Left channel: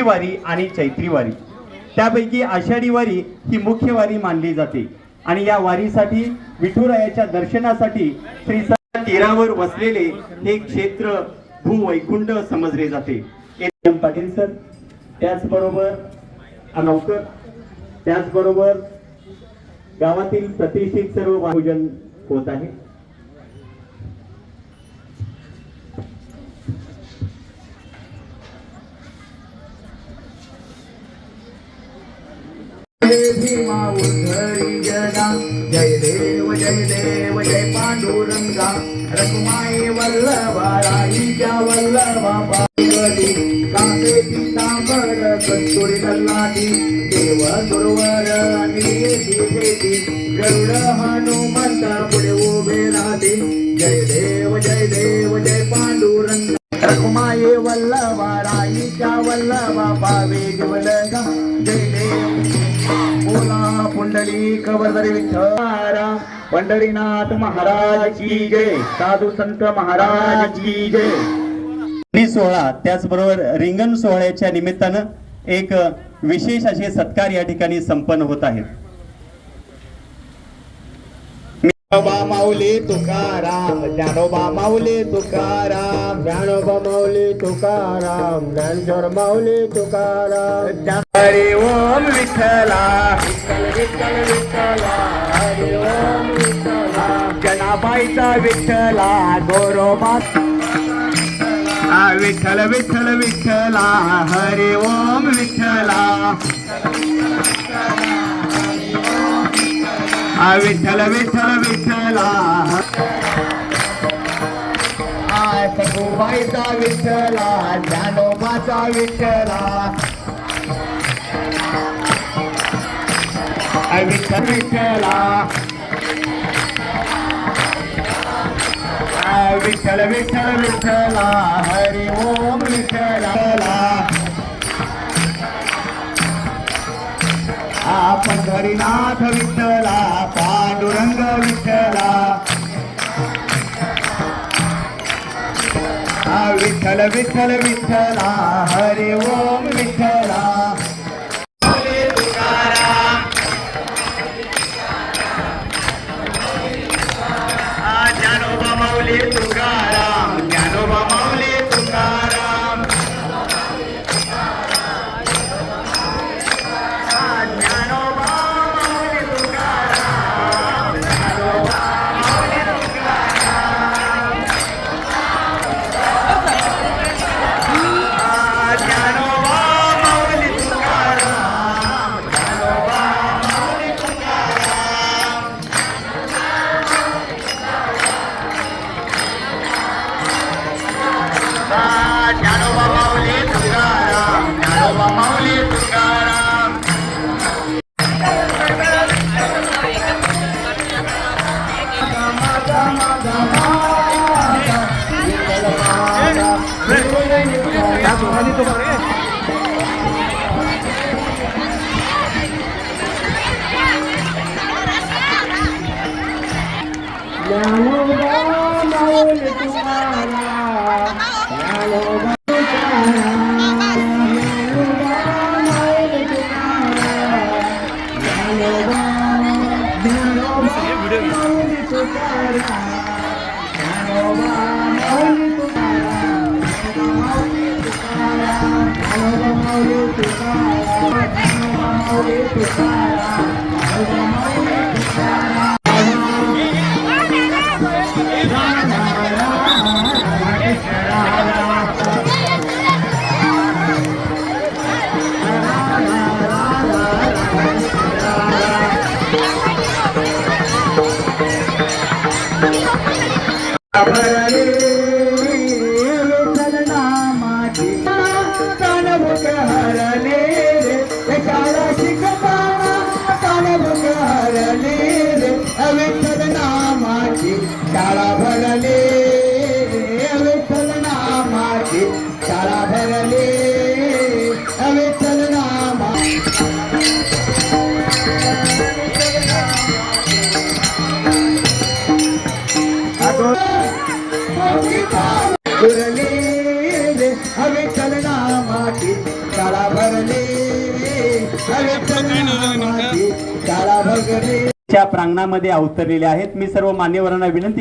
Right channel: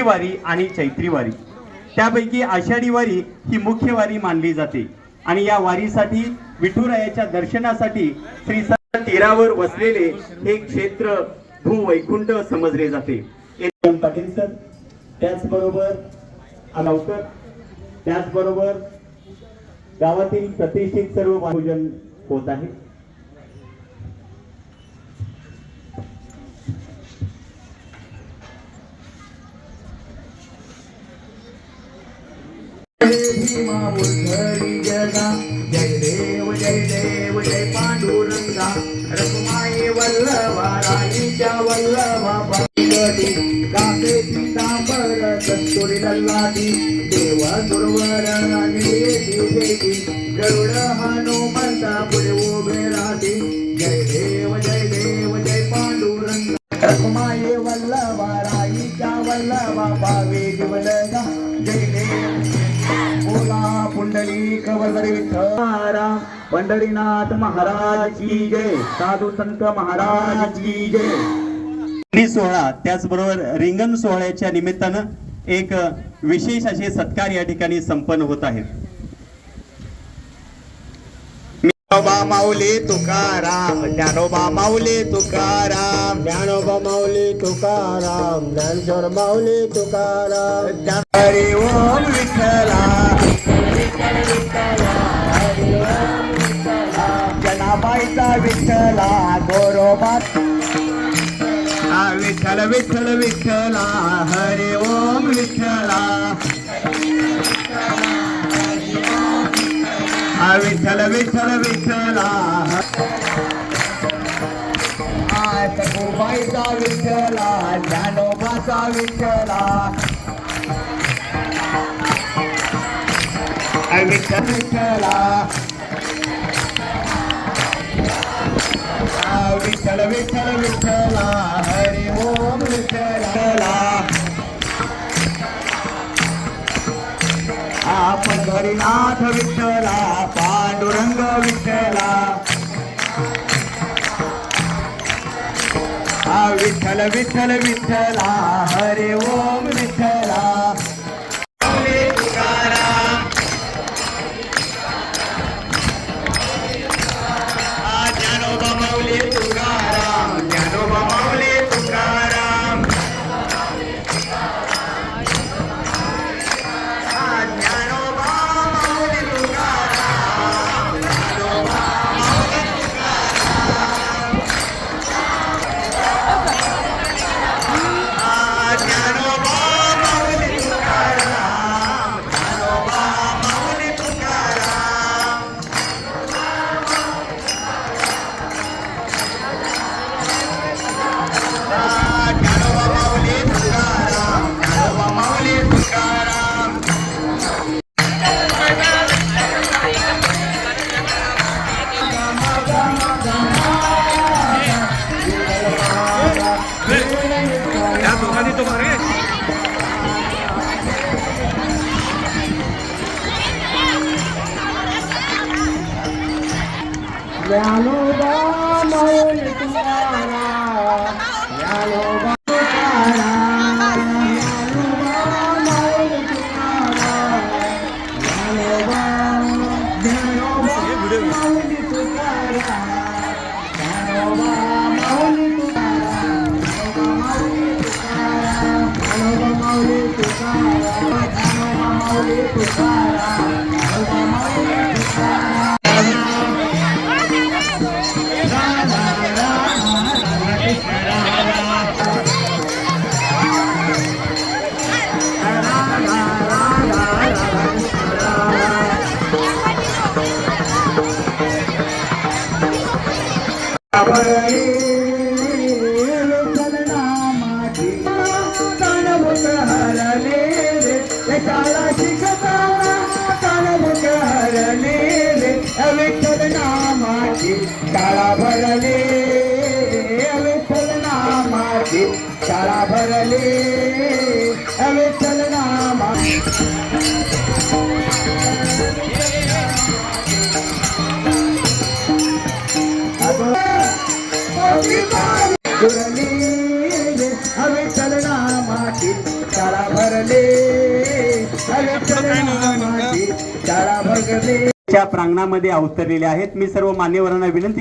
माघी वारी आणि चैत्री वारी. त्यापैकी आषाढी वारी ही मुख्य वारी मानली जाते आणि या वारीसाठी विठुरायाच्या दर्शनासाठी श्री तीरावर वसलेले हे क्षेत्र भूवैकुंठ समजले जाते. पाटील सर, त्याचबरोबर अनवकर, त्याचबरोबर गावातील प्रतिष्ठित सर्व पूजन होत आहे. जय देव जय देव जय पांडुरंगा, रघुमाई वल्लभा राईच्या वल्लभा पार्वती, कासे पीतांबर कस्तुरी ललाटी, देव दुर्वर निधी गरुड हनुमंत पुढे उभे राहते. जय देव जय पांडुरंगा, रघुमाई वल्लभा राईच्या वल्लभा पावे जीवलगा. जय देव बोला पुंडलिक वरदरी विठ्ठल, पंढरीनाथ महाराज की जय, साधू संत महाराज की जय. सोहळा त्याचबरोबर रिंगण सोहळ्याच्या निमित्तानं एक विशेष असे सत्कार या ठिकाणी संपन्न होत आहेत. ज्ञानोबा माऊली तुकाराम, ज्ञानोबा माऊली तुकाराम, ज्ञानोबा माऊली तुकाराम, ज्ञानेश्वर माऊली तुकाराम. हरी ओम विठ्ठला, जनाबाईचा विठ्ठला, गोरोबा विठ्ठल विठ्ठल विठ्ठला, हरी ओम विठ्ठला, विठ्ठल विठ्ठल विठ्ठला. सखुबाईचा विठ्ठला, ज्ञानोबाचा विठ्ठला, विठ्ठल विठ्ठला, विठ्ठल विठ्ठल विठ्ठला, हरी ओम विठ्ठला. पंढरीनाथ विठ्ठला, पांडुरंग विठ्ठला, विठ्ठल विठ्ठल विठ्ठला, हरी ओम विठ्ठला. ज्ञानोबा माऊली तुकाराम, ज्ञानोबा माऊली तुकाराम, ज्ञानोबा माऊली तुकाराम, ज्ञानोबा माऊली तुकाराम, ज्ञानोबा माऊली तुकाराम, ज्ञानोबा माऊली तुकाराम. ज्ञानोबा माऊली तुकाराम, ज्ञानोबा माऊली तुकाराम. या दोघांनी तो बघ रे. ज्ञानोबा माऊली तुकाराम, ज्ञानोबा हवे चलना माती च्या प्रांगणामध्ये अवतरलेले आहेत. मी सर्व मान्यवरांना विनंती